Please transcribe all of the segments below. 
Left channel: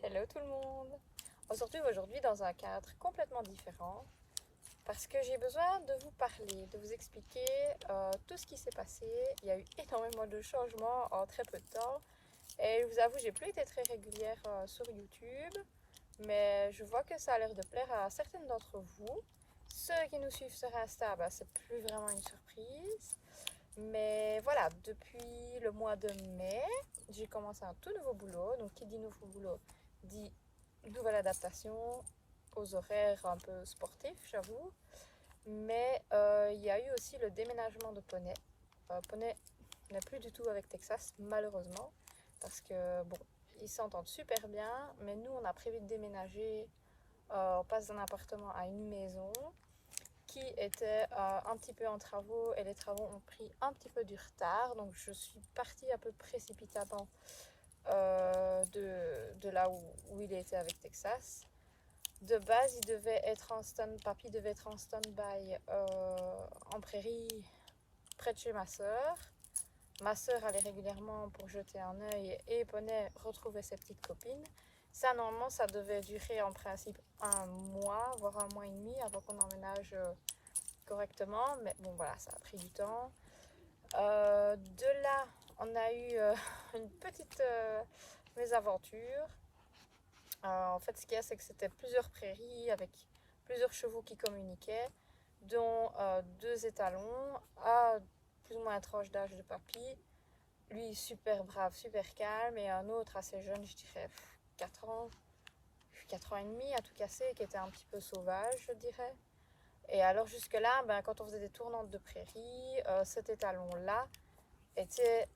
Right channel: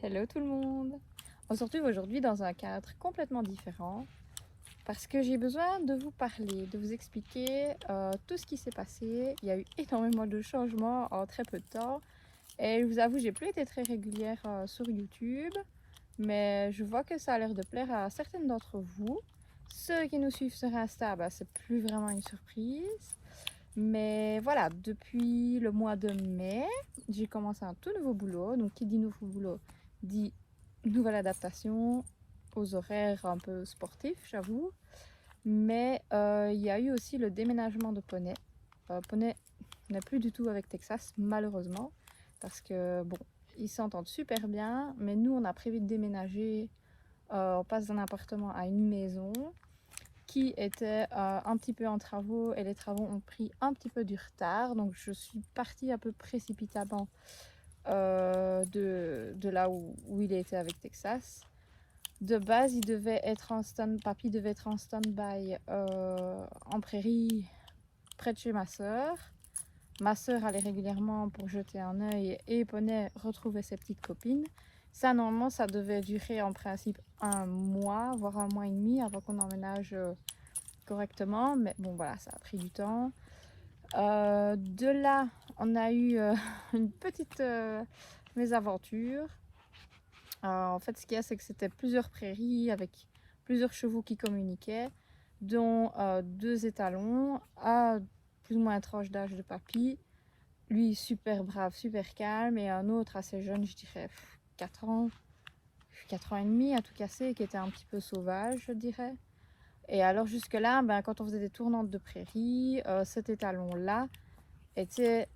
Hello tout le monde! On se retrouve aujourd'hui dans un cadre complètement différent parce que j'ai besoin de vous parler, de vous expliquer tout ce qui s'est passé. Il y a eu énormément de changements en très peu de temps et je vous avoue, j'ai plus été très régulière sur YouTube, mais je vois que ça a l'air de plaire à certaines d'entre vous. Ceux qui nous suivent sur Insta, c'est plus vraiment une surprise. Mais voilà, depuis le mois de mai, j'ai commencé un tout nouveau boulot. Donc, qui dit nouveau boulot dit nouvelle adaptation aux horaires un peu sportifs, j'avoue. Mais il y a eu aussi le déménagement de Poney. Poney n'est plus du tout avec Texas, malheureusement, parce que bon, ils s'entendent super bien. Mais nous, on a prévu de déménager. On passe d'un appartement à une maison qui était un petit peu en travaux et les travaux ont pris un petit peu du retard. Donc je suis partie un peu précipitamment de là où il était avec Texas. De base, papy devait être en stand-by en prairie près de chez ma soeur. Ma soeur allait régulièrement pour jeter un œil et Poney retrouvait ses petites copines. Ça, normalement, ça devait durer en principe un mois, voire un mois et demi avant qu'on emménage correctement. Mais bon, voilà, ça a pris du temps. De là, on a eu une petite mésaventure. En fait, ce qu'il y a, c'est que c'était plusieurs prairies avec plusieurs chevaux qui communiquaient, dont deux étalons à plus ou moins une tranche d'âge de papy. Lui, super brave, super calme, et un autre assez jeune, je dirais 4 ans, 4 ans et demi, à tout casser, qui était un petit peu sauvage, je dirais. Et alors jusque-là, quand on faisait des tournantes de prairie, cet étalon-là était...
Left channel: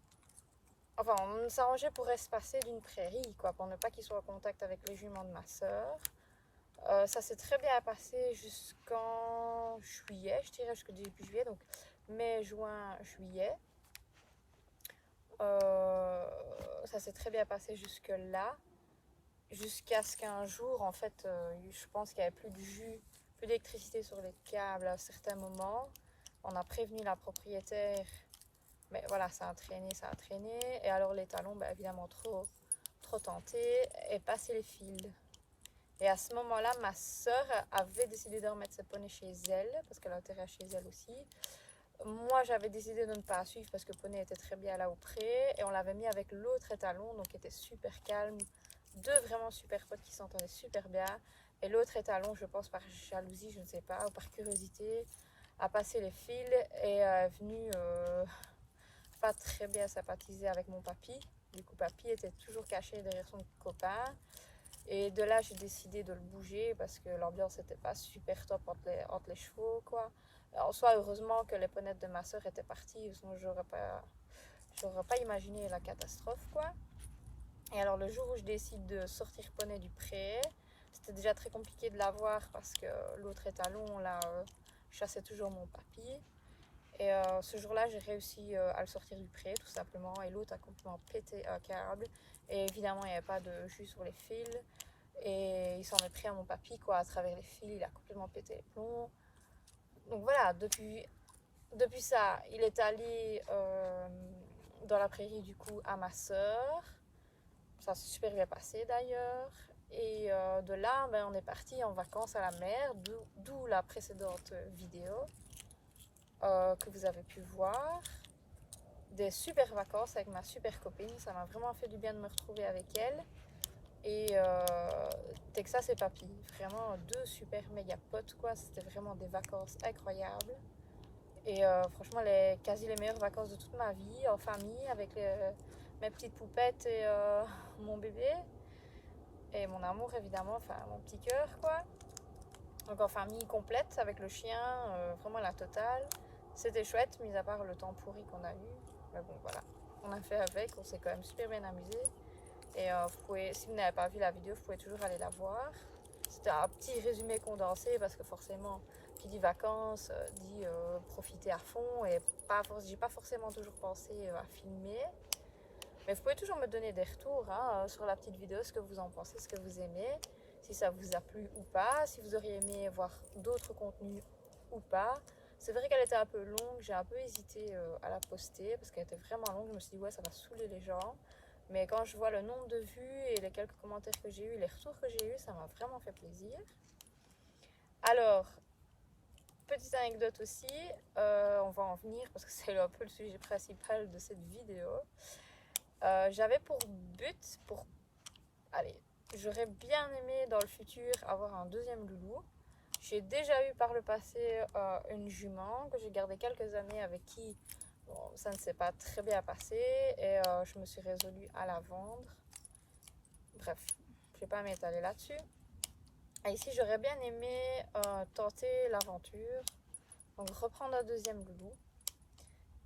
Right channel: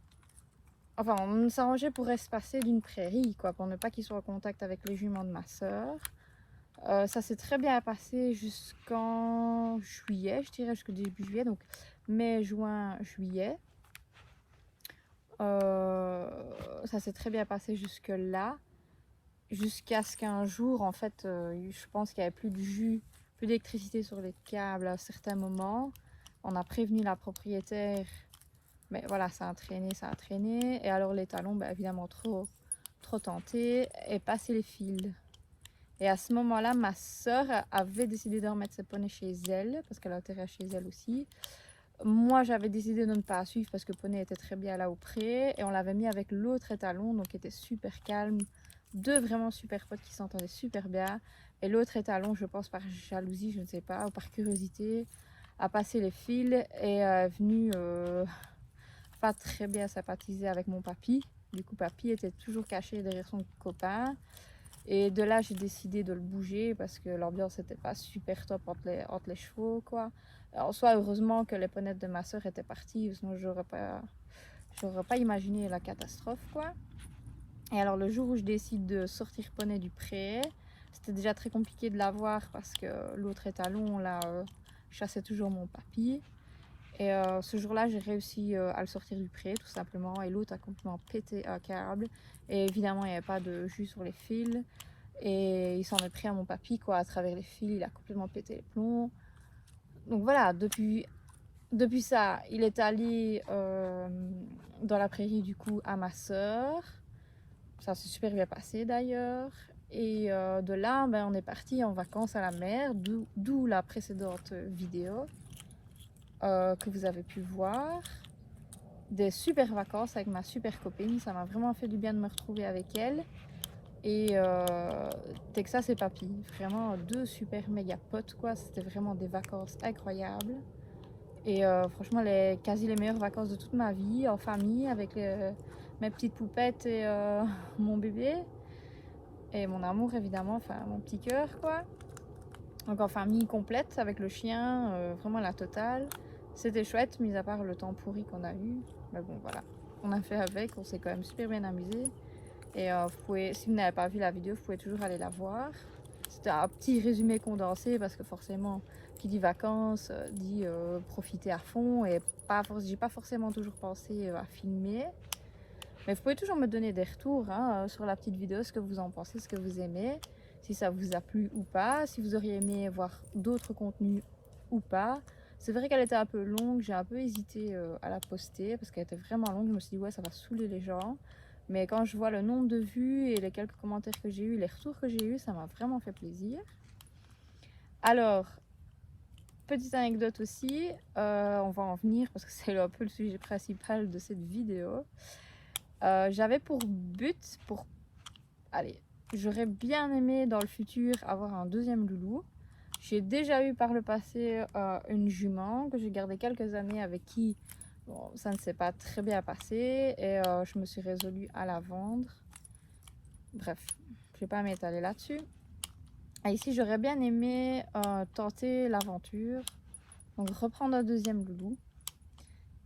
Enfin, on s'arrangeait pour espacer d'une prairie, quoi, pour ne pas qu'il soit en contact avec les juments de ma soeur. Ça s'est très bien passé jusqu'en juillet, je dirais, jusqu'au début juillet, donc mai, juin, juillet. Ça s'est très bien passé jusque-là, jusqu'à ce qu'un jour, en fait, je pense qu'il n'y avait plus de jus, plus d'électricité sur les câbles à certains moments. On a prévenu la propriétaire, mais voilà, ça a traîné, ça a traîné. Et alors les talons, évidemment, trop tentés, et passer les fils. Et à ce moment-là, ma soeur avait décidé de remettre ses poneys chez elle, parce qu'elle a intérêt chez elle aussi. Moi, j'avais décidé de ne pas suivre parce que Poney était très bien là auprès. Et on l'avait mis avec l'autre étalon, donc qui était super calme. Deux vraiment super potes qui s'entendaient super bien. Et l'autre étalon, je pense par jalousie, je ne sais pas, ou par curiosité, a passé les fils et est venu pas très bien sympathiser avec mon papy. Du coup, papy était toujours caché derrière son copain. Et de là, j'ai décidé de le bouger parce que l'ambiance n'était pas super top entre les chevaux, quoi. En soi, heureusement que les ponettes de ma soeur étaient parties, sinon j'aurais pas imaginé la catastrophe, quoi. Et alors, le jour où je décide de sortir Poney du pré, c'était déjà très compliqué de l'avoir parce que l'autre étalon, là, chassait toujours mon papy. Et ce jour-là, j'ai réussi à le sortir du pré, tout simplement. Et l'autre a complètement pété un câble. Et évidemment, il n'y avait pas de jus sur les fils. Et il s'en est pris à mon papy, quoi, à travers les fils. Il a complètement pété les plombs. Donc voilà, depuis ça, il est allé dans la prairie, du coup, à ma soeur. Ça s'est super bien passé, d'ailleurs. Et de là, on est parti en vacances à la mer, d'où la précédente vidéo que vous avez pu voir. Des super vacances avec ma super copine. Ça m'a vraiment fait du bien de me retrouver avec elle. Et Texas et papy, vraiment deux super méga potes, quoi. C'était vraiment des vacances incroyables. Et franchement, quasi les meilleures vacances de toute ma vie, en famille, avec mes petites poupettes et mon bébé. Et mon amour, évidemment, enfin mon petit cœur, quoi. Donc en famille complète, avec le chien, vraiment la totale. C'était chouette, mis à part le temps pourri qu'on a eu. Mais bon, voilà. On a fait avec, on s'est quand même super bien amusé. Et si vous n'avez pas vu la vidéo, vous pouvez toujours aller la voir. C'était un petit résumé condensé parce que forcément, qui dit vacances, dit profiter à fond. Et j'ai pas forcément toujours pensé à filmer. Mais vous pouvez toujours me donner des retours sur la petite vidéo, ce que vous en pensez, ce que vous aimez, si ça vous a plu ou pas, si vous auriez aimé voir d'autres contenus ou pas. C'est vrai qu'elle était un peu longue, j'ai un peu hésité à la poster parce qu'elle était vraiment longue. Je me suis dit, ouais, ça va saouler les gens. Mais quand je vois le nombre de vues et les quelques commentaires que j'ai eu, les retours que j'ai eu, ça m'a vraiment fait plaisir. Alors, petite anecdote aussi, on va en venir parce que c'est un peu le sujet principal de cette vidéo. J'avais pour but, allez, j'aurais bien aimé dans le futur avoir un deuxième loulou. J'ai déjà eu par le passé une jument que j'ai gardée quelques années avec qui bon, ça ne s'est pas très bien passé et je me suis résolue à la vendre. Bref, je ne vais pas m'étaler là-dessus. Et ici, j'aurais bien aimé tenter l'aventure, donc reprendre un deuxième loulou.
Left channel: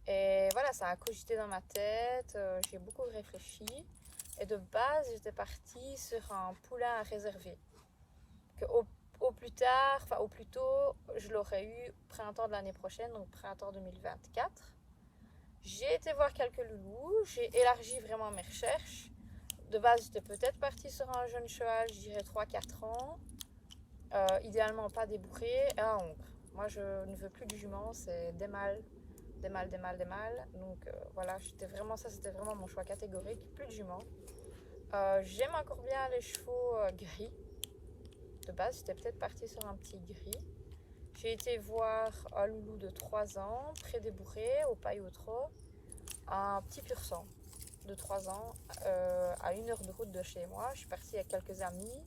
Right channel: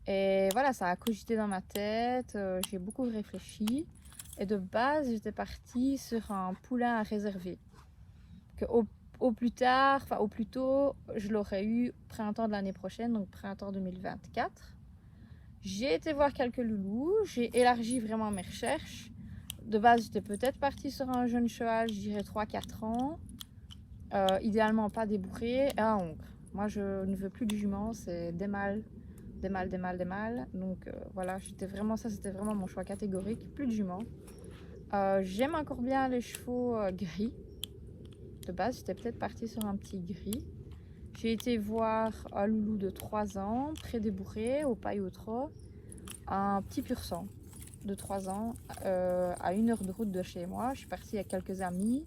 Et voilà, ça a cogité dans ma tête, j'ai beaucoup réfléchi. Et de base, j'étais partie sur un poulain à réserver. Que au plus tard, enfin au plus tôt, je l'aurais eu printemps de l'année prochaine, donc printemps 2024. J'ai été voir quelques loulous, j'ai élargi vraiment mes recherches. De base, j'étais peut-être partie sur un jeune cheval, je dirais 3-4 ans. Idéalement pas débourré et un hongre. Moi, je ne veux plus de jument, c'est des mâles, des mâles, des mâles, des mâles. Donc voilà, c'était vraiment mon choix catégorique, plus de jument. J'aime encore bien les chevaux gris. De base, j'étais peut-être partie sur un petit gris. J'ai été voir un loulou de 3 ans, très débourré, au paille au trot, un petit pur sang de 3 ans, à 1 heure de route de chez moi. Je suis partie avec quelques amis.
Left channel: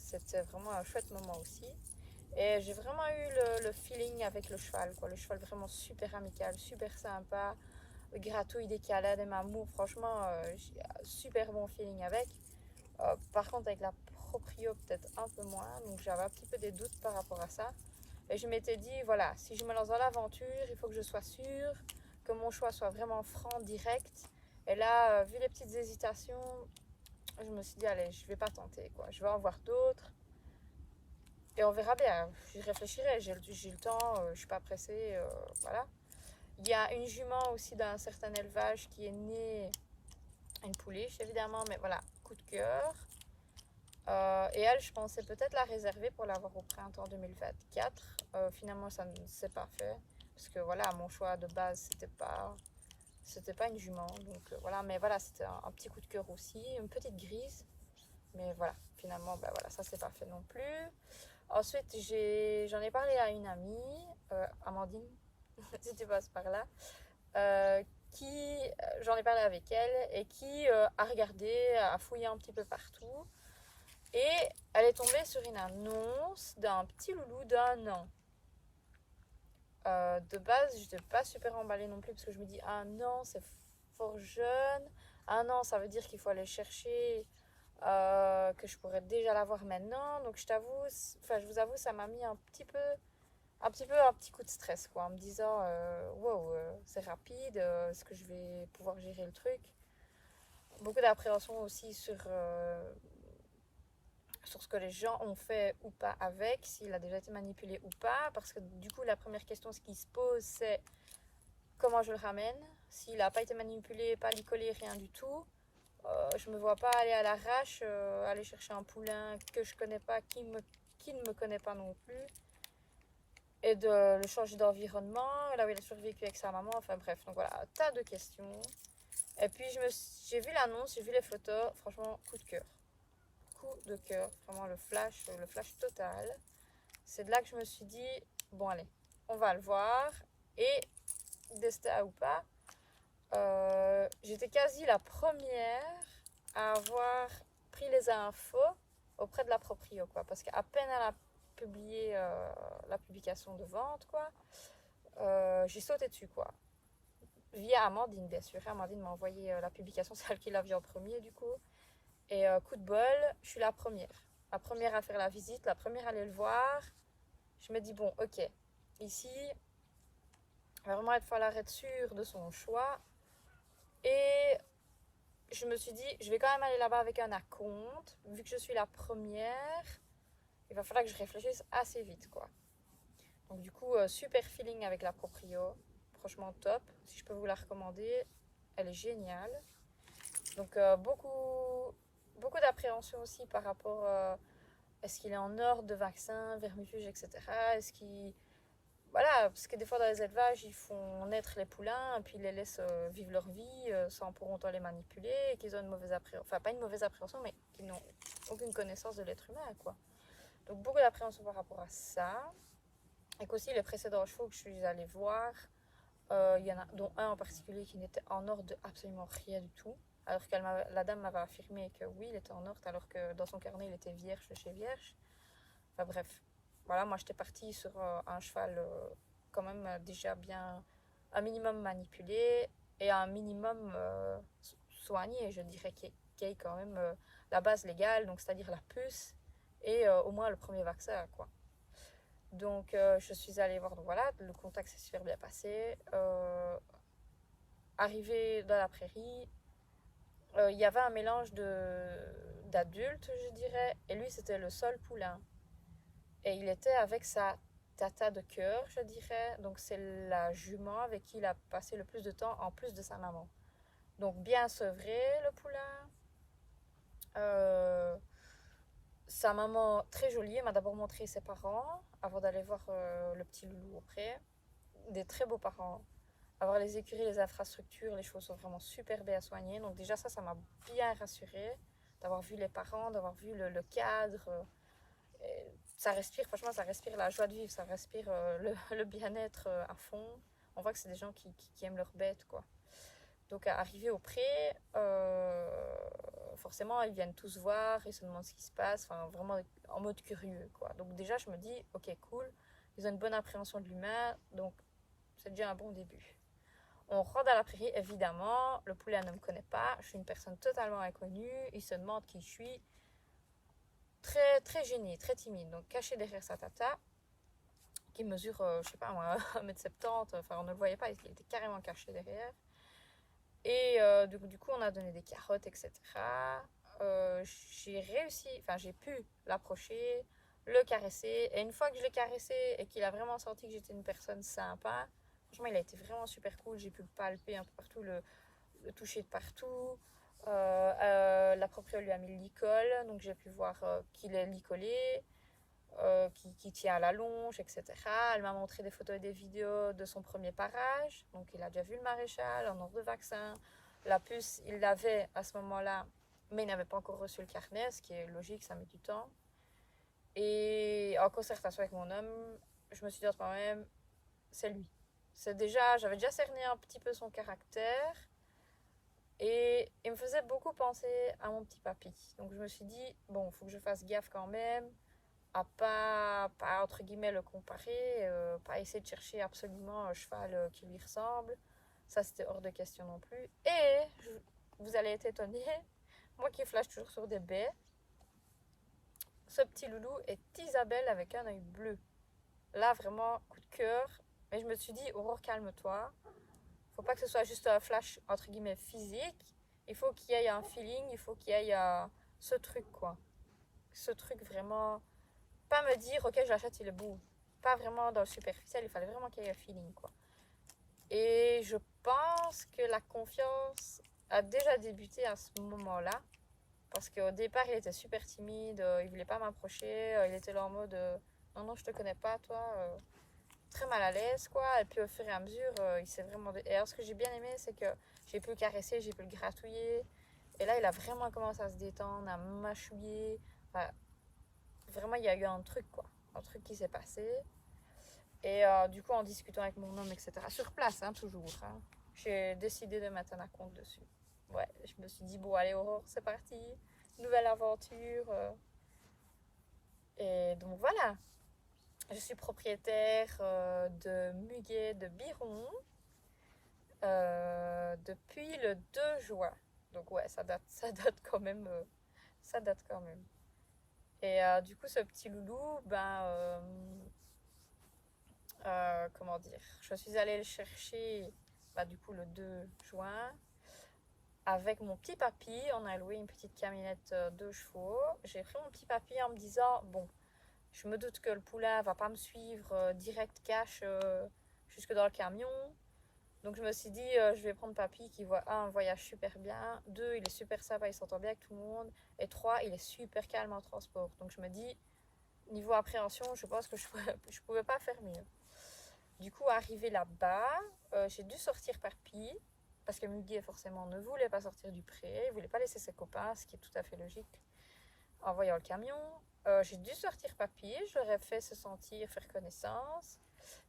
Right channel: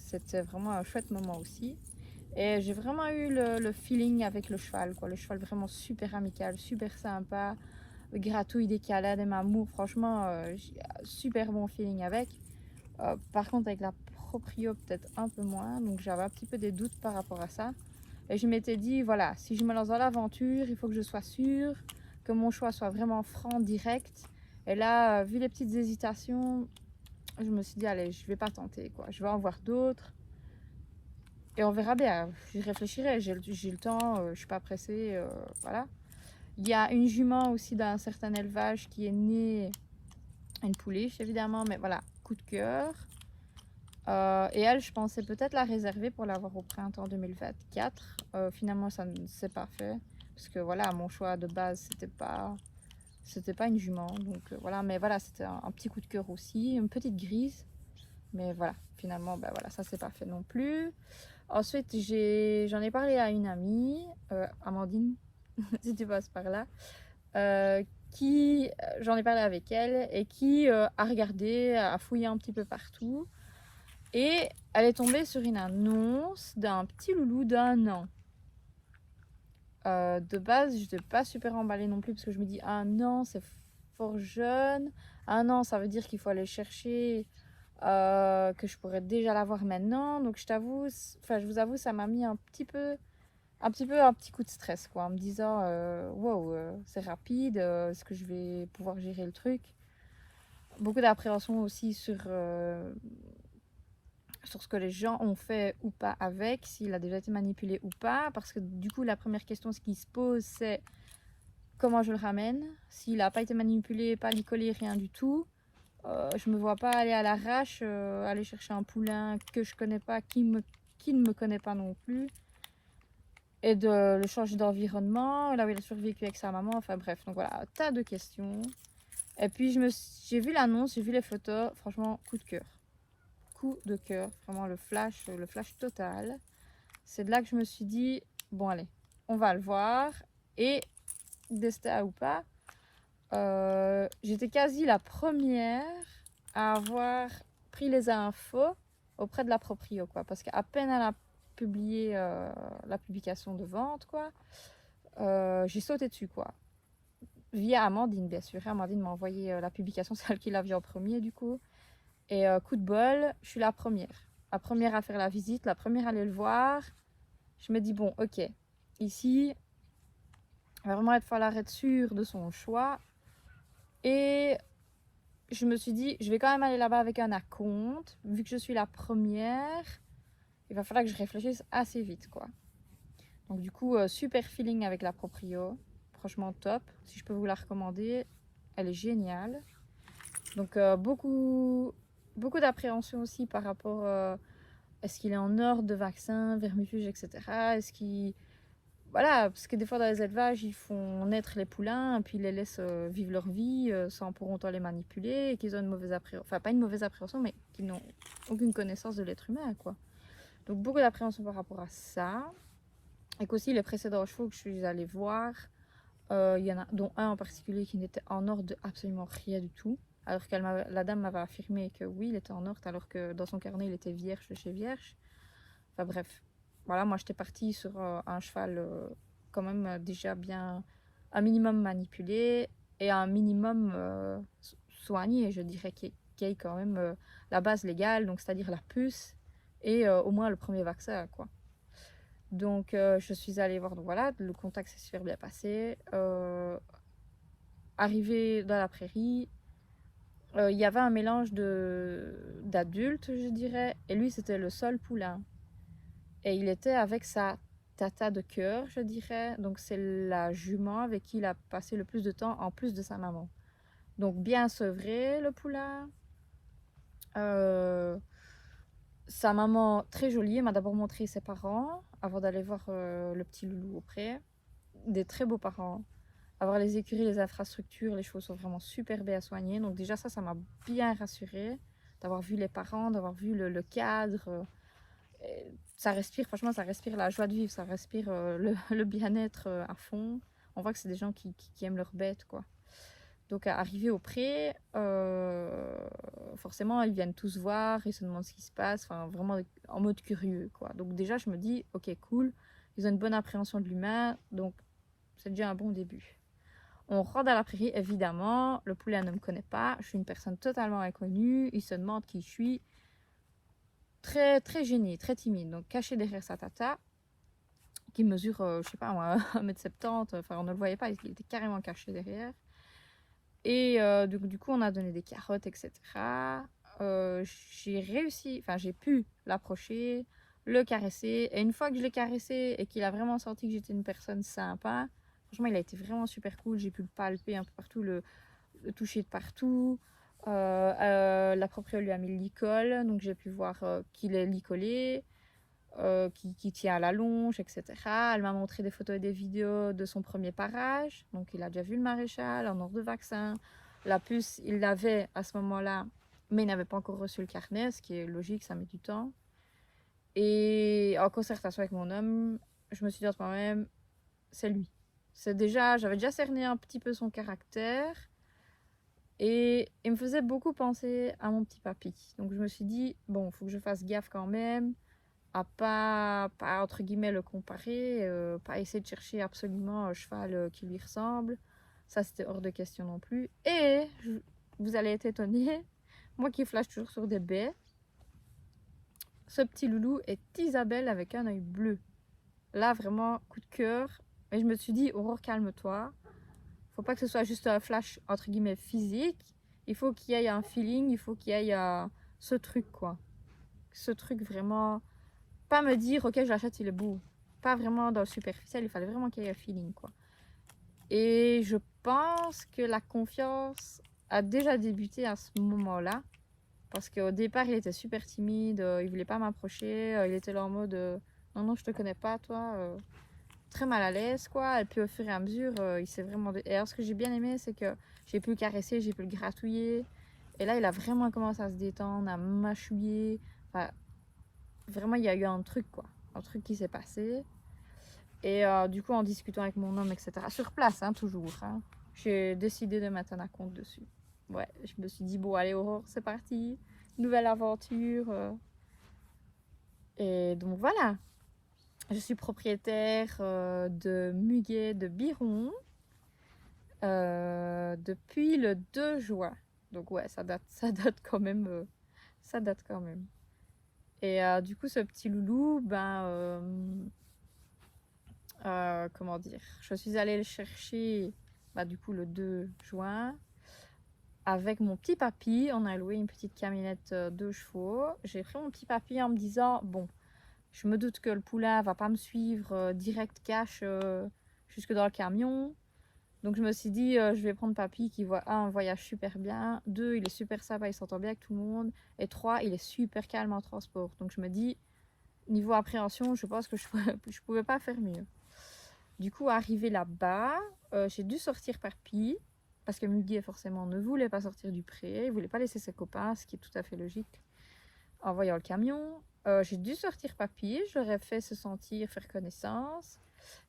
C'était vraiment un chouette moment aussi. Et j'ai vraiment eu le feeling avec le cheval, quoi. Le cheval vraiment super amical, super sympa, gratouille des câlins, des mamours. Franchement, j'ai un super bon feeling avec. Par contre, avec la proprio, peut-être un peu moins. Donc j'avais un petit peu des doutes par rapport à ça. Et je m'étais dit, voilà, si je me lance dans l'aventure, il faut que je sois sûre, que mon choix soit vraiment franc, direct. Et là, vu les petites hésitations, je me suis dit, allez, je vais pas tenter, quoi. Je vais en voir d'autres. Et on verra bien. Je réfléchirai, j'ai le temps, je suis pas pressée, voilà. Il y a une jument aussi d'un certain élevage qui est née, une pouliche évidemment, mais voilà, coup de cœur. Et elle, je pensais peut-être la réserver pour l'avoir au printemps 2024. Finalement, ça ne s'est pas fait. Parce que voilà, mon choix de base, c'était pas une jument. Donc voilà, mais voilà, c'était un petit coup de cœur aussi, une petite grise. Mais voilà, finalement, ben voilà, ça s'est pas fait non plus. Ensuite, j'en ai parlé à une amie, Amandine, si tu passes par là, j'en ai parlé avec elle et qui a regardé, a fouillé un petit peu partout. Et elle est tombée sur une annonce d'un petit loulou d'1 an. De base, je n'étais pas super emballée non plus parce que je me dis 1 an, c'est fort jeune. 1 an, ça veut dire qu'il faut aller chercher, que je pourrais déjà l'avoir maintenant. Donc je vous avoue, ça m'a mis un petit coup de stress, quoi, en me disant wow, c'est rapide, est-ce que je vais pouvoir gérer le truc? Beaucoup d'appréhension aussi sur ce que les gens ont fait ou pas avec, s'il a déjà été manipulé ou pas, parce que du coup la première question ce qui se pose c'est comment je le ramène, s'il n'a pas été manipulé, pas ni collé, rien du tout. Je me vois pas aller à l'arrache, aller chercher un poulain que je connais pas, qui ne me connaît pas non plus, et de le changer d'environnement, là où il a survécu avec sa maman, enfin bref, donc voilà, tas de questions. Et puis j'ai vu l'annonce, j'ai vu les photos, franchement coup de cœur. Coup de cœur, vraiment le flash total. C'est de là que je me suis dit, bon allez, on va le voir. Et destin ou pas, j'étais quasi la première à avoir pris les infos auprès de la proprio, quoi. Parce qu'à peine elle a publié la publication de vente, quoi, j'ai sauté dessus, quoi. Via Amandine, bien sûr. Amandine m'a envoyé la publication, c'est elle qui l'a vu en premier, du coup. Et coup de bol, je suis la première. La première à faire la visite, la première à aller le voir. Je me dis, bon, ok, ici, il va vraiment falloir être sûr de son choix. Et je me suis dit, je vais quand même aller là-bas avec un acompte. Vu que je suis la première, il va falloir que je réfléchisse assez vite, quoi. Donc du coup, super feeling avec la proprio. Franchement top. Si je peux vous la recommander, elle est géniale. Donc beaucoup d'appréhension aussi par rapport est-ce qu'il est en ordre de vaccin, vermifuge, etc. Est-ce qu'il voilà, parce que des fois dans les élevages, ils font naître les poulains, et puis ils les laissent vivre leur vie sans pour autant les manipuler, et qu'ils ont une mauvaise appréhension, enfin pas une mauvaise appréhension, mais qu'ils n'ont aucune connaissance de l'être humain, quoi. Donc beaucoup d'appréhension par rapport à ça. Et qu'aussi les précédents chevaux que je suis allée voir, il y en a dont un en particulier qui n'était en ordre de absolument rien du tout. Alors que la dame m'avait affirmé que oui, il était en ordre, alors que dans son carnet, il était vierge de chez vierge. Enfin bref, voilà, moi j'étais partie sur un cheval quand même déjà bien, un minimum manipulé et un minimum soigné, je dirais, qui ait quand même la base légale, donc c'est-à-dire la puce et au moins le premier vaccin, quoi. Donc je suis allée voir, donc voilà, le contact s'est super bien passé. Arrivé dans la prairie, il y avait un mélange d'adultes, je dirais, et lui c'était le seul poulain. Et il était avec sa tata de cœur, je dirais. Donc c'est la jument avec qui il a passé le plus de temps en plus de sa maman. Donc bien sevré le poulain. Sa maman très jolie, elle m'a d'abord montré ses parents avant d'aller voir le petit loulou auprès. Des très beaux parents. Avoir les écuries, les infrastructures, les choses sont vraiment super bien soignées. Donc déjà ça m'a bien rassurée d'avoir vu les parents, d'avoir vu le cadre. Ça respire, franchement, ça respire la joie de vivre, ça respire le bien-être à fond. On voit que c'est des gens qui aiment leurs bêtes, quoi. Donc, arrivé au pré, forcément, ils viennent tous voir, ils se demandent ce qui se passe, enfin, vraiment en mode curieux, quoi. Donc, déjà, je me dis, ok, cool, ils ont une bonne appréhension de l'humain, donc c'est déjà un bon début. On rentre à la prairie, évidemment, le poulet ne me connaît pas, je suis une personne totalement inconnue, il se demande qui je suis, très, très gêné, très timide, donc caché derrière sa tata, qui mesure, je sais pas moi, 1m70, enfin on ne le voyait pas, il était carrément caché derrière. Et du coup, on a donné des carottes, etc. J'ai réussi, enfin j'ai pu l'approcher, le caresser. Et une fois que je l'ai caressé et qu'il a vraiment senti que j'étais une personne sympa, franchement, il a été vraiment super cool. J'ai pu le palper un peu partout, le toucher de partout. La propriétaire lui a mis le licol, donc j'ai pu voir qu'il est licolé. Qui tient à la longe, etc. Elle m'a montré des photos et des vidéos de son premier parage. Donc, il a déjà vu le maréchal en ordre de vaccin. La puce, il l'avait à ce moment-là, mais il n'avait pas encore reçu le carnet, ce qui est logique, ça met du temps. Et en concertation avec mon homme, je me suis dit à moi-même, c'est lui. J'avais déjà cerné un petit peu son caractère. Et il me faisait beaucoup penser à mon petit papy. Donc, je me suis dit, bon, il faut que je fasse gaffe quand même à pas entre guillemets le comparer, pas essayer de chercher absolument un cheval qui lui ressemble. Ça, c'était hors de question non plus. Et vous allez être étonnés, moi qui flash toujours sur des baies, ce petit loulou est Isabelle avec un œil bleu. Là, vraiment, coup de cœur. Mais je me suis dit, Aurore, calme-toi. Faut pas que ce soit juste un flash entre guillemets physique. Il faut qu'il y ait un feeling, il faut qu'il y ait ce truc, quoi. Ce truc vraiment. Pas me dire, ok, je l'achète, il est beau. Pas vraiment dans le superficiel, il fallait vraiment qu'il y ait un feeling, quoi. Et je pense que la confiance a déjà débuté à ce moment-là. Parce qu'au départ, il était super timide, il voulait pas m'approcher, il était là en mode non, non, je te connais pas, toi. Très mal à l'aise, quoi. Et puis au fur et à mesure, il s'est vraiment. Et alors, ce que j'ai bien aimé, c'est que j'ai pu le caresser, j'ai pu le gratouiller. Et là, il a vraiment commencé à se détendre, à mâchouiller. Enfin, vraiment, il y a eu un truc, quoi. Un truc qui s'est passé. Et du coup, en discutant avec mon homme, etc. Sur place, hein, toujours. Hein, j'ai décidé de mettre un compte dessus. Ouais, je me suis dit, bon, allez, Aurore, c'est parti. Nouvelle aventure. Et donc, voilà. Je suis propriétaire de Muguet de Biron depuis le 2 juin. Donc, ouais, ça date quand même. Ça date quand même. Et du coup, ce petit loulou, comment dire, je suis allée le chercher du coup le 2 juin avec mon petit papy. On a loué une petite camionnette 2 chevaux. J'ai pris mon petit papy en me disant, bon, je me doute que le poulain va pas me suivre direct cash jusque dans le camion. Donc je me suis dit, je vais prendre papy qui voit un voyage super bien, 2 il est super sympa, il s'entend bien avec tout le monde, et 3 il est super calme en transport. Donc je me dis, niveau appréhension, je pense que je pouvais pas faire mieux. Du coup, arrivé là-bas, j'ai dû sortir Papy, parce que Muguet forcément ne voulait pas sortir du pré, il voulait pas laisser ses copains, ce qui est tout à fait logique en voyant le camion. J'ai dû sortir Papy, j'aurais fait se sentir, faire connaissance.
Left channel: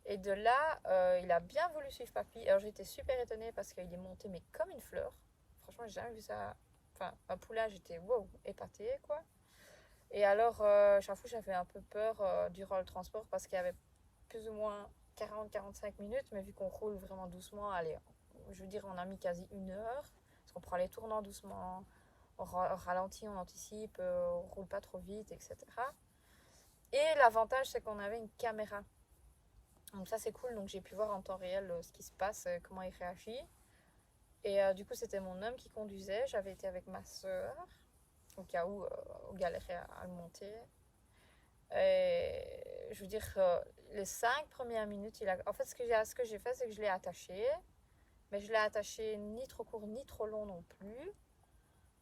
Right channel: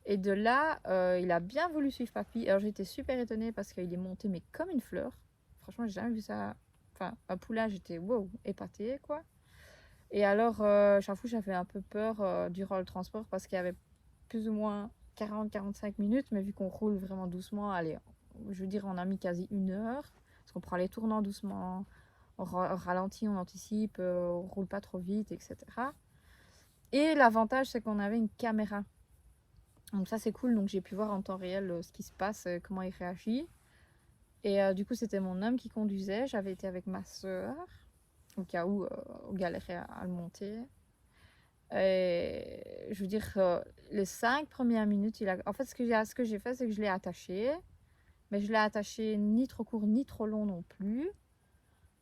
Et de là, il a bien voulu suivre Papy. Alors j'étais super étonnée parce qu'il est monté mais comme une fleur. Franchement, j'ai jamais vu ça. Enfin, un poulain, j'étais wow, épatée quoi. Et alors, j'avoue, j'avais un peu peur durant le transport parce qu'il y avait plus ou moins 40-45 minutes, mais vu qu'on roule vraiment doucement, allez, je veux dire, on a mis quasi 1 heure, parce qu'on prend les tournants doucement, on ralentit, on anticipe, on roule pas trop vite, etc. Et l'avantage, c'est qu'on avait une caméra. Donc ça, c'est cool, donc j'ai pu voir en temps réel ce qui se passe, comment il réagit. Et du coup, c'était mon homme qui conduisait, j'avais été avec ma soeur, au cas où on galérait à le monter. Et je veux dire, les 5 premières minutes, en fait, ce que j'ai fait, c'est que je l'ai attaché. Mais je l'ai attaché ni trop court, ni trop long non plus.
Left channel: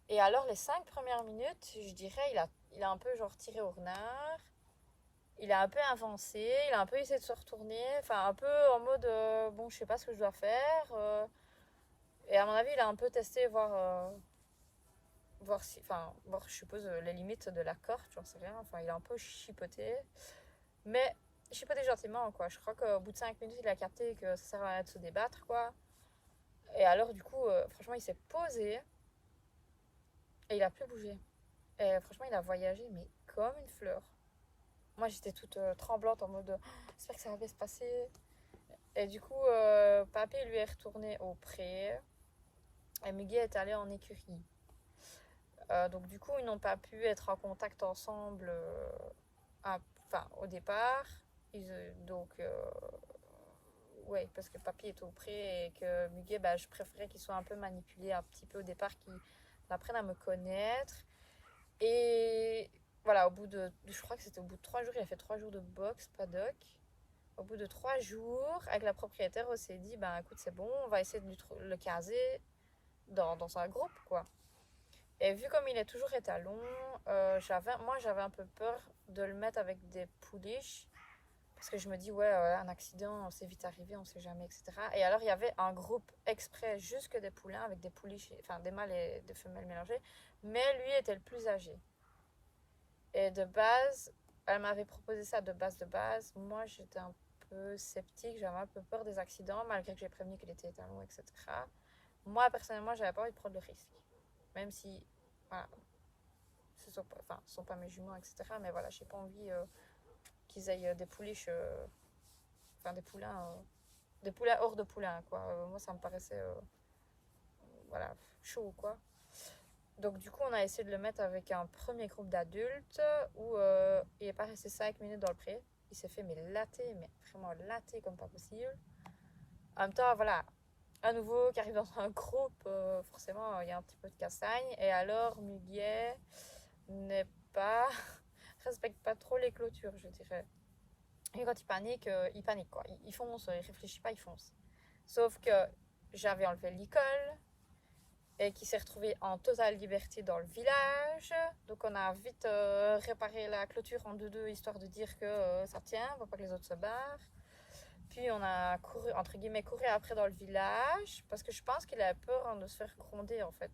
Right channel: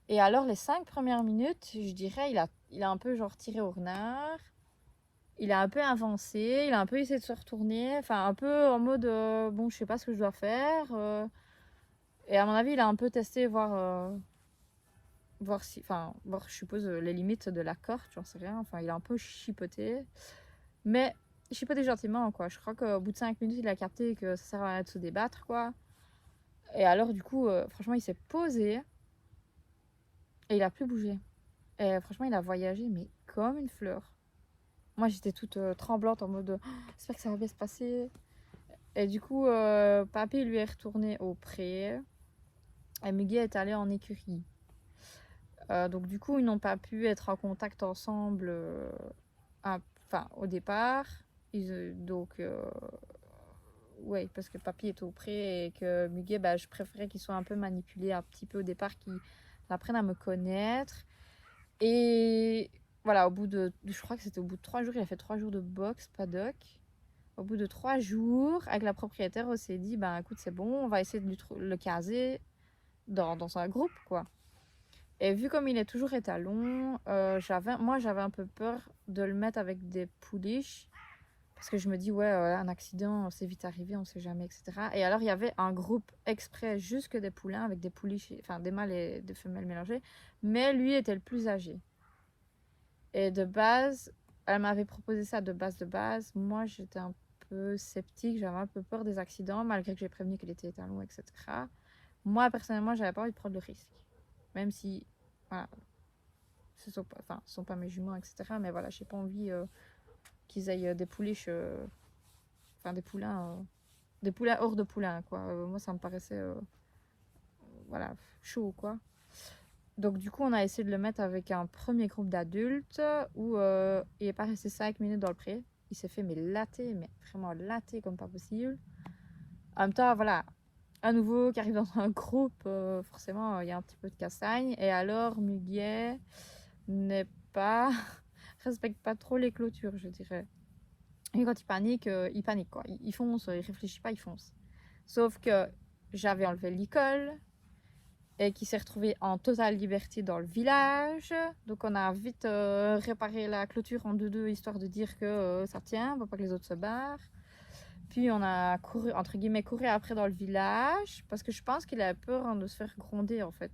Et alors, les 5 premières minutes, je dirais, il a un peu genre tiré au renard. Il a un peu avancé, il a un peu essayé de se retourner. Enfin, un peu en mode, bon, je sais pas ce que je dois faire. Et à mon avis, il a un peu testé, voir si, enfin, voir, je suppose, les limites de la corde, j'en sais rien. Enfin, il a un peu chipoté. Mais chipoté gentiment, quoi. Je crois qu'au bout de 5 minutes, il a capté que ça sert à rien de se débattre, quoi. Et alors, du coup, franchement, il s'est posé et il a plus bougé. Et franchement, il a voyagé, mais comme une fleur. Moi, j'étais toute tremblante en mode oh, j'espère que ça va bien se passer. Et du coup, papy lui est retourné au pré et Miguel est allé en écurie. Donc, du coup, ils n'ont pas pu être en contact ensemble au départ. Ouais, parce que papy est au pré et que Muguet, bah, je préférais qu'il soit un peu manipulé un petit peu au départ, qu'il apprenne à me connaître. Et voilà, je crois que c'était au bout de 3 jours, il a fait 3 jours de boxe, paddock. Au bout de 3 jours, avec la propriétaire, on s'est dit, bah écoute, c'est bon, on va essayer de le caser dans un groupe, quoi. Et vu comme il est toujours étalon, moi j'avais un peu peur de le mettre avec des pouliches. Parce que je me dis, ouais, un accident, c'est vite arrivé, on sait jamais, etc. Et alors, il y avait un groupe exprès, juste que des poulains, avec des pouliches, enfin des mâles et des femelles mélangées. Mais lui était le plus âgé. Et de base, elle m'avait proposé ça de base. Moi, j'étais un peu sceptique, j'avais un peu peur des accidents, malgré que j'ai prévenu qu'il était étalon, etc. Moi, personnellement, j'avais pas envie de prendre le risque. Même si, voilà, ce sont pas mes jumeaux, etc. Mais voilà, j'ai pas envie qu'ils aient des pouliches, enfin des poulains hors de poulains, quoi. Moi, ça me paraissait, voilà, chaud, quoi. Donc, du coup, on a essayé de le mettre avec un premier groupe d'adultes où il est pas resté 5 minutes dans le pré. Il s'est fait, mais latter, mais vraiment latter comme pas possible. En même temps, voilà, un nouveau qui arrive dans un groupe, forcément, il y a un petit peu de castagne. Et alors, Muguet n'est pas, respecte pas trop les clôtures, je dirais. Et quand il panique, quoi. Il fonce, il réfléchit pas, il fonce. Sauf que j'avais enlevé l'école et qui s'est retrouvé en totale liberté dans le village. Donc on a vite réparé la clôture en deux histoire de dire que ça tient, pour pas que les autres se barrent. Puis on a couru, entre guillemets, couru après dans le village parce que je pense qu'il avait peur de se faire gronder en fait.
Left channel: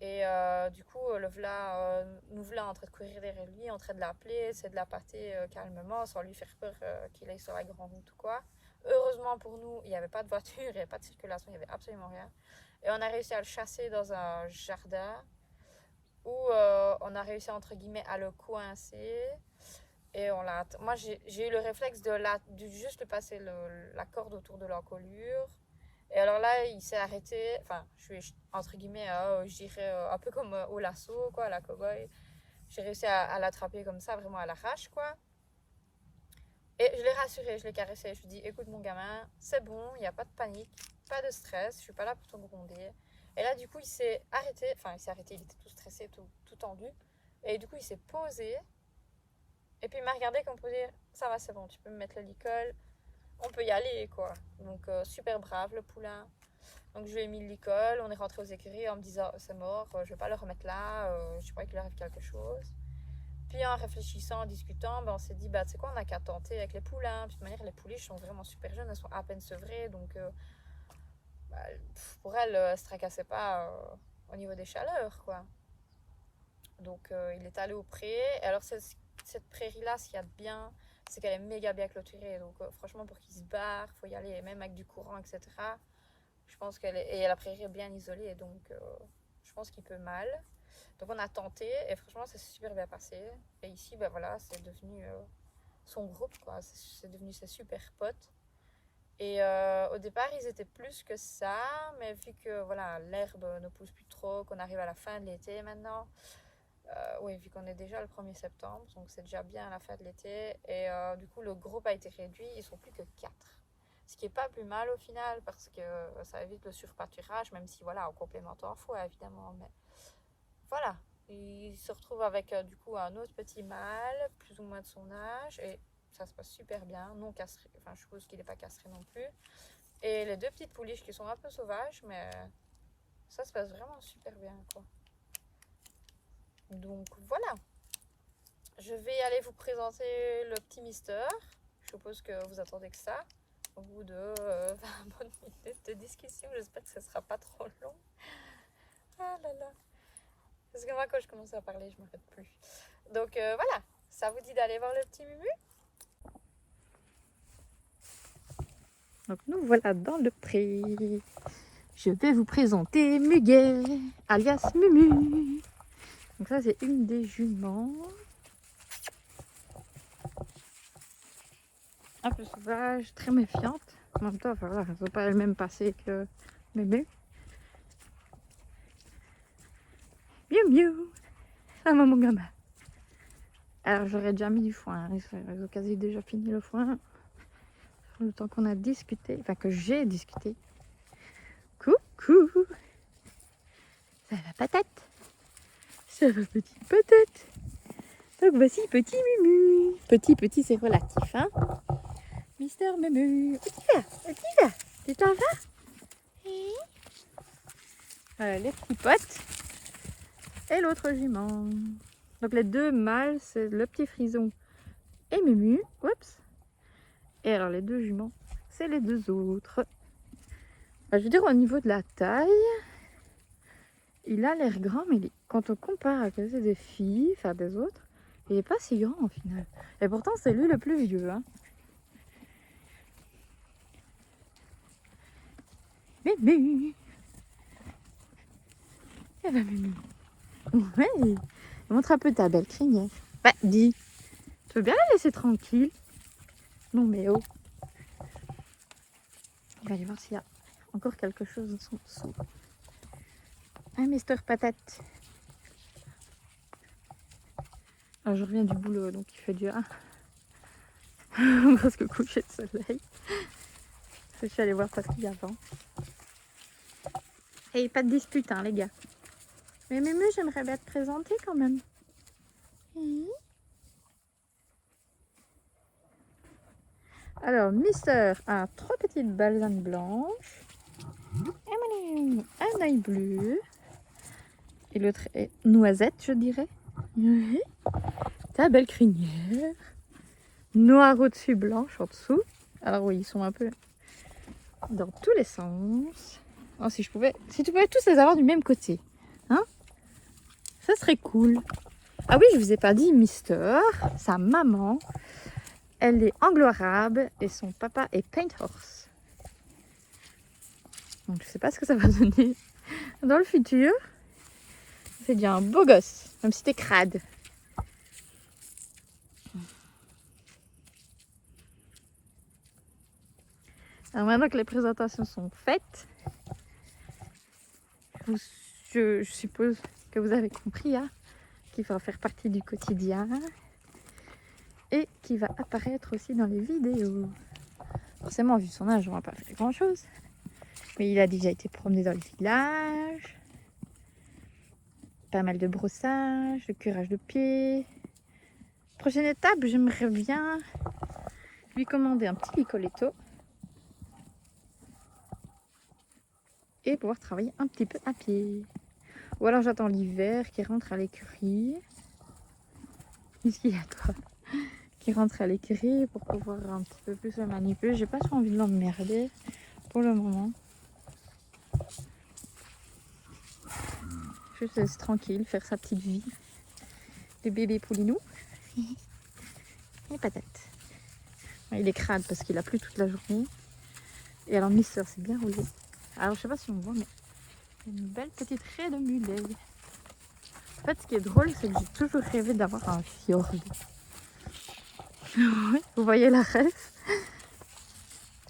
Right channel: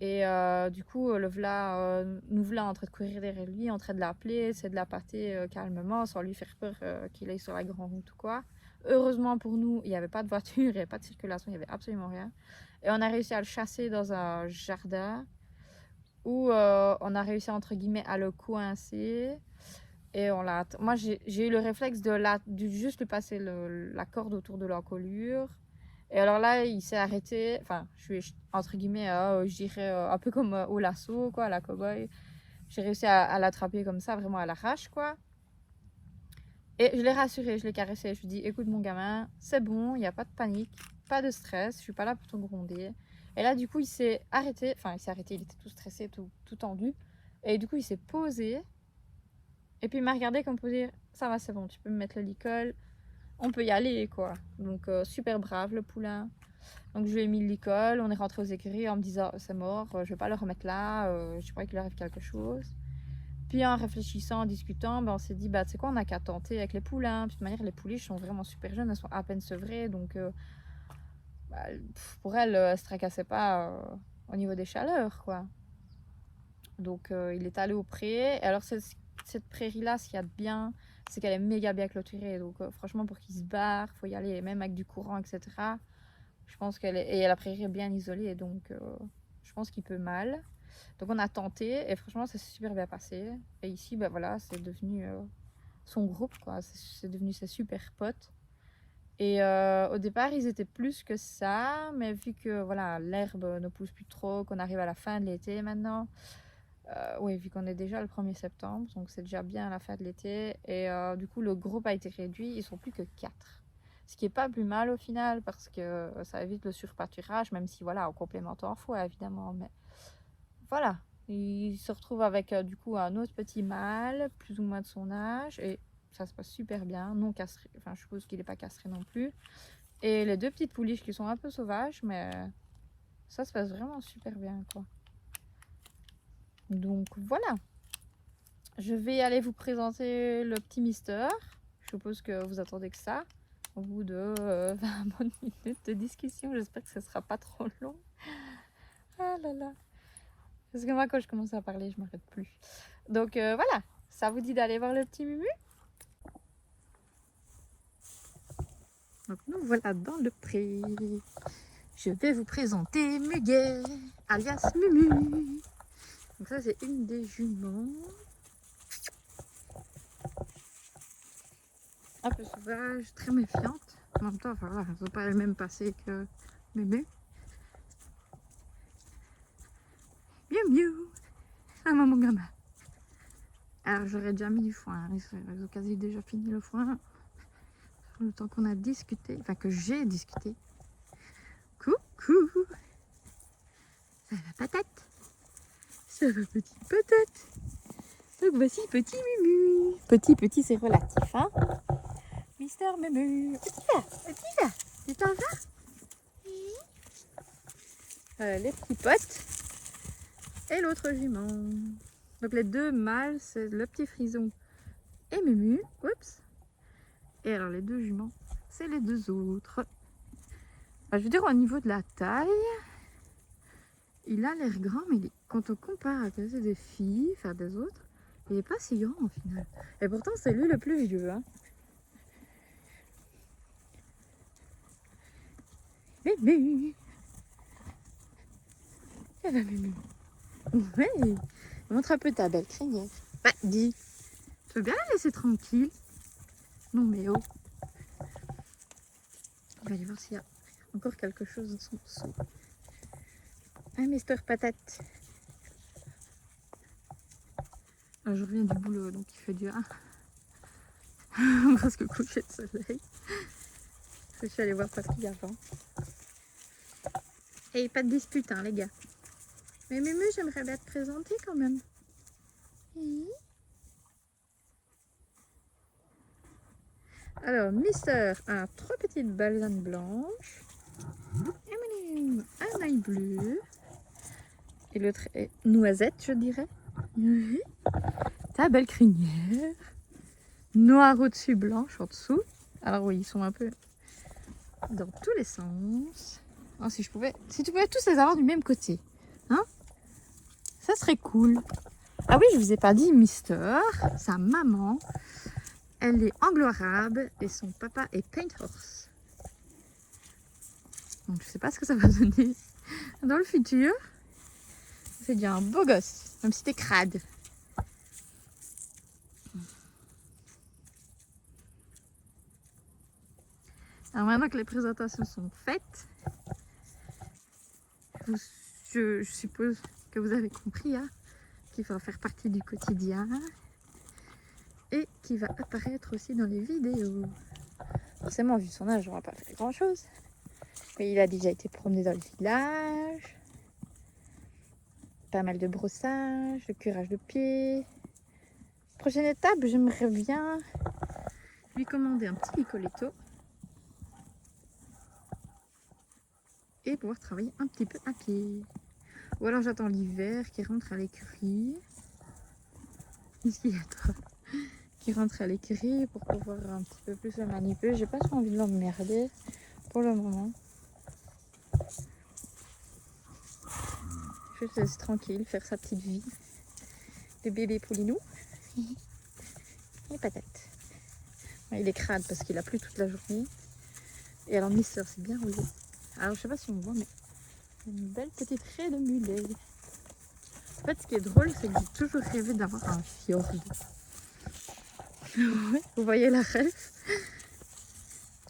Et du coup, nous voilà en train de courir derrière lui, en train de l'appeler, c'est de la pâter calmement, sans lui faire peur qu'il aille sur la grande route ou quoi. Heureusement pour nous, il n'y avait pas de voiture, il n'y avait pas de circulation, il n'y avait absolument rien. Et on a réussi à le chasser dans un jardin où on a réussi entre guillemets à le coincer. Et moi, j'ai eu le réflexe de juste lui passer la corde autour de l'encolure. Et alors là, il s'est arrêté. Enfin, je suis entre guillemets, je dirais un peu comme au lasso, quoi, à la cow-boy. J'ai réussi à l'attraper comme ça, vraiment à l'arrache, quoi. Et je l'ai rassuré, je l'ai caressé. Je lui ai dit, écoute, mon gamin, c'est bon, il n'y a pas de panique, pas de stress, je suis pas là pour te gronder. Et là, du coup, il s'est arrêté. Enfin, il s'est arrêté, il était tout stressé, tout tendu. Et du coup, il s'est posé. Et puis, il m'a regardé comme pour dire, ça va, c'est bon, tu peux me mettre le licol. On peut y aller, quoi. Donc, super brave, le poulain. Donc, je lui ai mis le licol. On est rentré aux écuries en me disant, c'est mort, je vais pas le remettre là. Je crois qu'il arrive quelque chose. Puis en réfléchissant, en discutant, ben, on s'est dit, bah, tu sais quoi, on n'a qu'à tenter avec les poulains. Puis de toute manière, les pouliches sont vraiment super jeunes, elles sont à peine sevrées. Donc bah, pour elles, elles ne se tracassaient pas au niveau des chaleurs, quoi. Donc il est allé au pré. Et alors cette prairie-là, ce qu'il y a de bien, c'est qu'elle est méga bien clôturée. Donc franchement, pour qu'il se barre, il faut y aller, même avec du courant, etc. Je pense et la prairie est bien isolée, donc je pense qu'il peut mal. Donc on a tenté et franchement ça s'est super bien passé. Et ici, ben voilà, c'est devenu son groupe, quoi. C'est devenu ses super potes. Et au départ, ils étaient plus que ça, mais vu que voilà, l'herbe ne pousse plus trop, qu'on arrive à la fin de l'été maintenant, oui, vu qu'on est déjà le 1er septembre, donc c'est déjà bien à la fin de l'été. Et du coup, le groupe a été réduit, ils sont plus que 4. Ce qui est pas plus mal au final, parce que ça évite le surpâturage, même si voilà, on complémente en fois évidemment. Mais voilà, il se retrouve avec du coup un autre petit mâle, plus ou moins de son âge, et ça se passe super bien, non castré, enfin je suppose qu'il n'est pas castré non plus. Et les 2 petites pouliches qui sont un peu sauvages, mais ça se passe vraiment super bien, quoi. Donc voilà, je vais aller vous présenter le petit Mister. Je suppose que vous attendez que ça. Au bout de 20 bonnes minutes de discussion, j'espère que ce sera pas trop long. Ah là là. Parce que moi, quand je commence à parler, je m'arrête plus. Donc voilà, ça vous dit d'aller voir le petit Mumu? Donc nous voilà dans le pré. Je vais vous présenter Muguet, alias Mumu. Donc ça, c'est une des juments. Un peu sauvage, très méfiante. En même temps, enfin, voilà, ça ne peut pas le même passé que Mumu. Mieux mieux. Ah maman gamin. Alors j'aurais déjà mis du foin. Ils ont quasi déjà fini le foin. Le temps qu'on a discuté, enfin que j'ai discuté. Coucou. Ça va patate? Ça va petite patate? Donc voici petit Mumu. Petit c'est relatif, hein. Mister Mumu. Où tu vas? Tu t'en vas? Voilà les petits potes. Et l'autre jument. Donc les 2 mâles, c'est le petit frison et Mumu. Oups. Et alors les 2 juments, c'est les 2 autres. Je veux dire, au niveau de la taille, il a l'air grand, mais quand on compare à des filles, enfin des autres, il n'est pas si grand au final. Et pourtant, c'est lui le plus vieux. Hein. Mumu. Eh ben, Mumu. Ouais. Montre un peu ta belle crinière. Bah, dis, tu veux bien la laisser tranquille? Non, mais oh. On va aller voir s'il y a encore quelque chose dans son dessous. Un Mister Patate. Alors, je reviens du boulot, donc il fait du presque coucher de soleil. Je suis allée voir parce qu'il y a vent. Et pas de dispute, hein, les gars. Mais Mumu, j'aimerais bien te présenter quand même. Alors, Mister a 3 petites balsanes blanches. Un œil bleu. Et l'autre est noisette, je dirais. Ta belle crinière. Noir au-dessus, blanche en dessous. Alors oui, ils sont un peu dans tous les sens. Oh, si tu pouvais tous les avoir du même côté, hein, ça serait cool. Ah oui, je vous ai pas dit, Mister, sa maman, elle est anglo-arabe et son papa est paint horse. Donc je sais pas ce que ça va donner dans le futur. C'est déjà un beau gosse, même si t'es crade. Alors maintenant que les présentations sont faites, je suppose que vous avez compris hein, qu'il va faire partie du quotidien et qui va apparaître aussi dans les vidéos. Forcément, vu son âge, on va pas faire grand chose. Mais il a déjà été promené dans le village. Pas mal de brossage, de curage de pieds. Prochaine étape, j'aimerais bien lui commander un petit Nicoletto. Et pouvoir travailler un petit peu à pied. Ou alors j'attends l'hiver qui rentre à l'écurie. Ici, il y a toi qui rentre à l'écurie pour pouvoir un petit peu plus le manipuler. J'ai pas trop envie de l'emmerder pour le moment. Je te laisse tranquille faire sa petite vie de bébé poulinou. Et patate. Il est crade parce qu'il a plu toute la journée. Et alors Mister s'est bien roulé. Alors je sais pas si on voit, mais une belle petite raie de mulet. En fait, ce qui est drôle, c'est que j'ai toujours rêvé d'avoir un fjord. Vous voyez la rêve?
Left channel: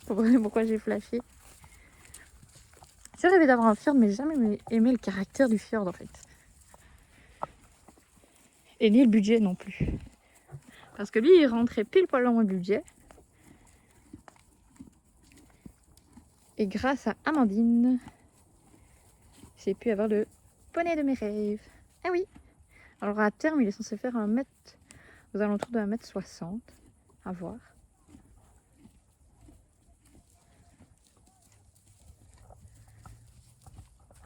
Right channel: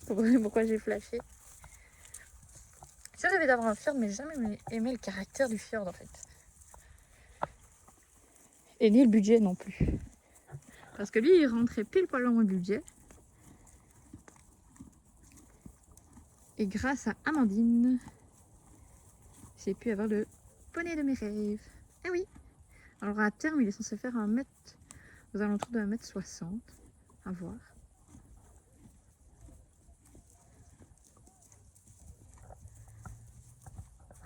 Vous voyez pourquoi j'ai flashé? J'ai rêvé d'avoir un fjord, mais jamais aimé le caractère du fjord en fait. Et ni le budget non plus. Parce que lui, il rentrait pile poil dans mon budget. Et grâce à Amandine, j'ai pu avoir le poney de mes rêves. Ah oui! Alors à terme, il est censé faire aux alentours de 1,60 m. À voir.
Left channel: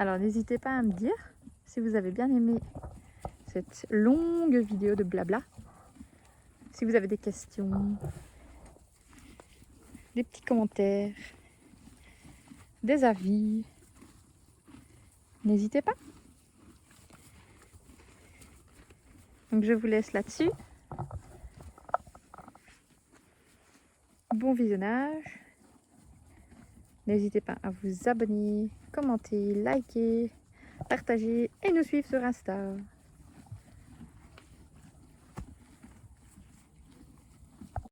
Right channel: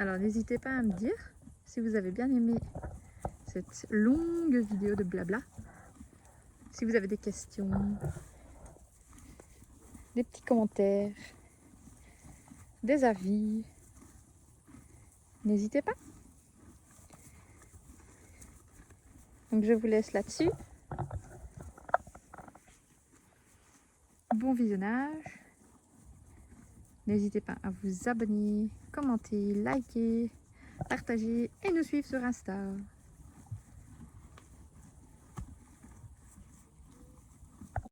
Alors n'hésitez pas à me dire si vous avez bien aimé cette longue vidéo de blabla. Si vous avez des questions, des petits commentaires, des avis, n'hésitez pas. Donc je vous laisse là-dessus. Bon visionnage. N'hésitez pas à vous abonner, commenter, liker, partager et nous suivre sur Insta.